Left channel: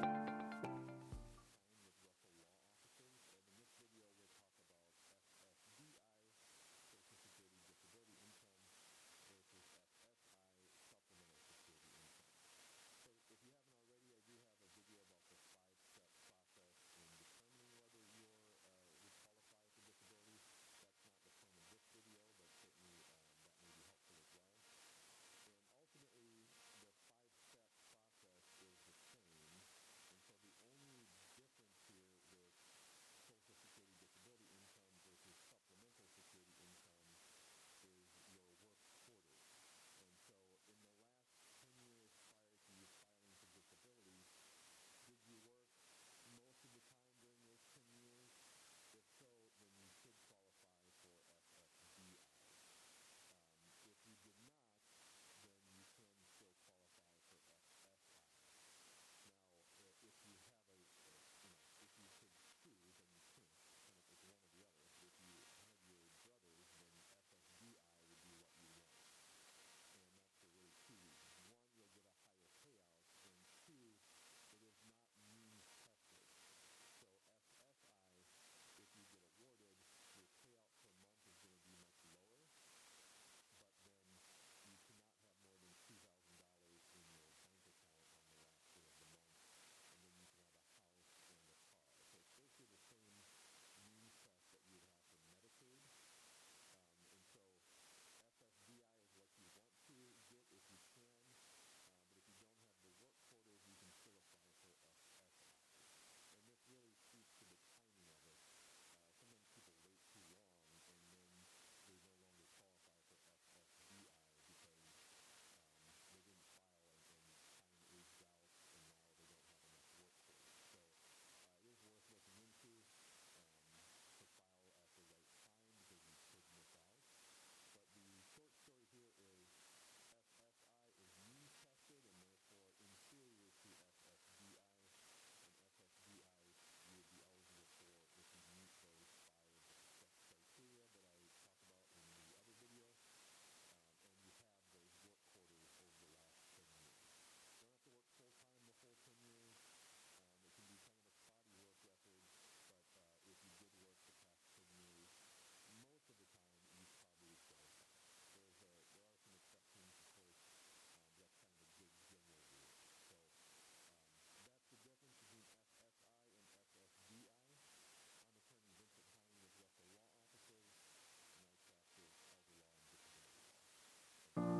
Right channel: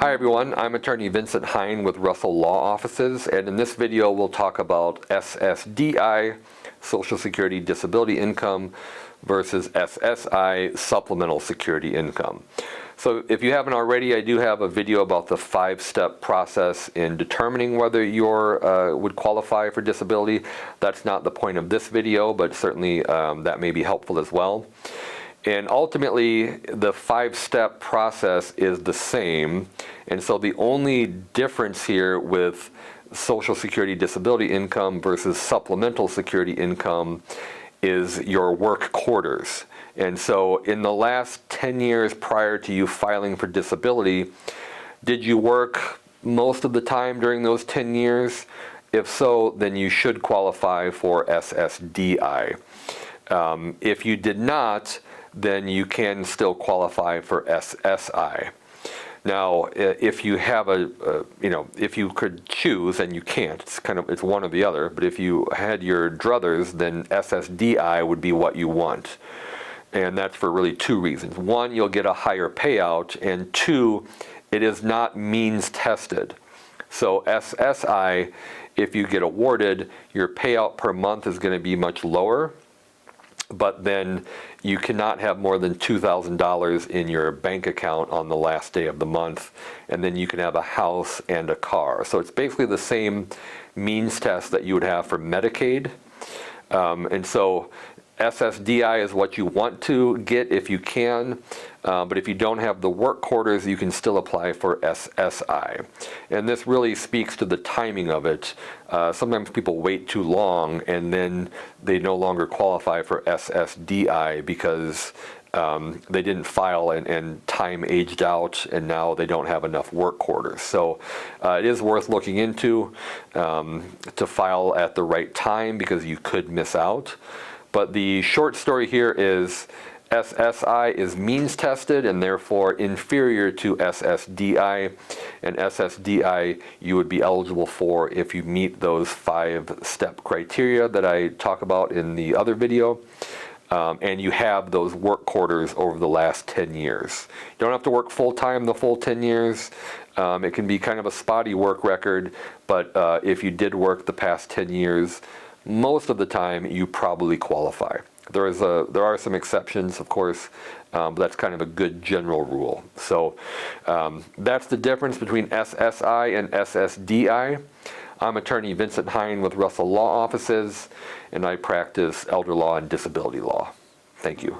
Hi everyone, I'm attorney Vincent Hine with Russell Law Offices, and in this video we'll talk about SSDI, Social Security Disability Income, versus SSI, Supplemental Security Income. So if you haven't already, I do have a video about the 5-step process in determining whether you would qualify for disability. That's not the point of this video, but certainly that may be helpful as well. And ultimately, the 5-step process is the same. And so the only difference here with Social Security Disability Income versus Supplemental Security Income is your work quarters. And so in the last 10 years prior to you filing for disability, did you work most of the time during those 10 years? If so, then you should qualify for SSDI. If you did not, then you can still qualify for SSI. Now, if you have if you could choose, and you can't, it's one or the other, but if you had your druthers, then SSDI would be what you want. And that's for really 2 reasons. 1, you'll get a higher payout, and 2, it is not means tested. So SSI, if you get awarded, your payout per month is going to be much lower, but then you cannot have more than $2,000 in your bank account on the last day of the month, and then you can have a house and a car. So it's basically the same means test that you would have for Medicaid. And so SSDI is what you want to get if you can, but if you don't have the work quarters, you can still apply for SSI. And this really speaks to the timing of it. Sometimes people wait too long and then they no longer qualify for SSDI because they didn't file and time aged out, and now they don't have enough work quarters. So it is worth looking into to file at the right time, because you could miss out. But the short story here is SSI is means tested and therefore inferior to SSDI, and SSDI you would be eligible for if you meet those 5-step criteria that I talk about in the other video, and you have those work quarters over the last 10 years. You don't have to work full-time the full 10 years. It can be kind of a spotty work record, but if you did work the past 10 years, most of the time you probably qualify. There are some exceptions, of course, but that's kind of a good general rule. So that's the difference between SSI and SSDI. I'm attorney Vincent Hine with Russell Law Offices, and I practice elder law and disability law. Thank you.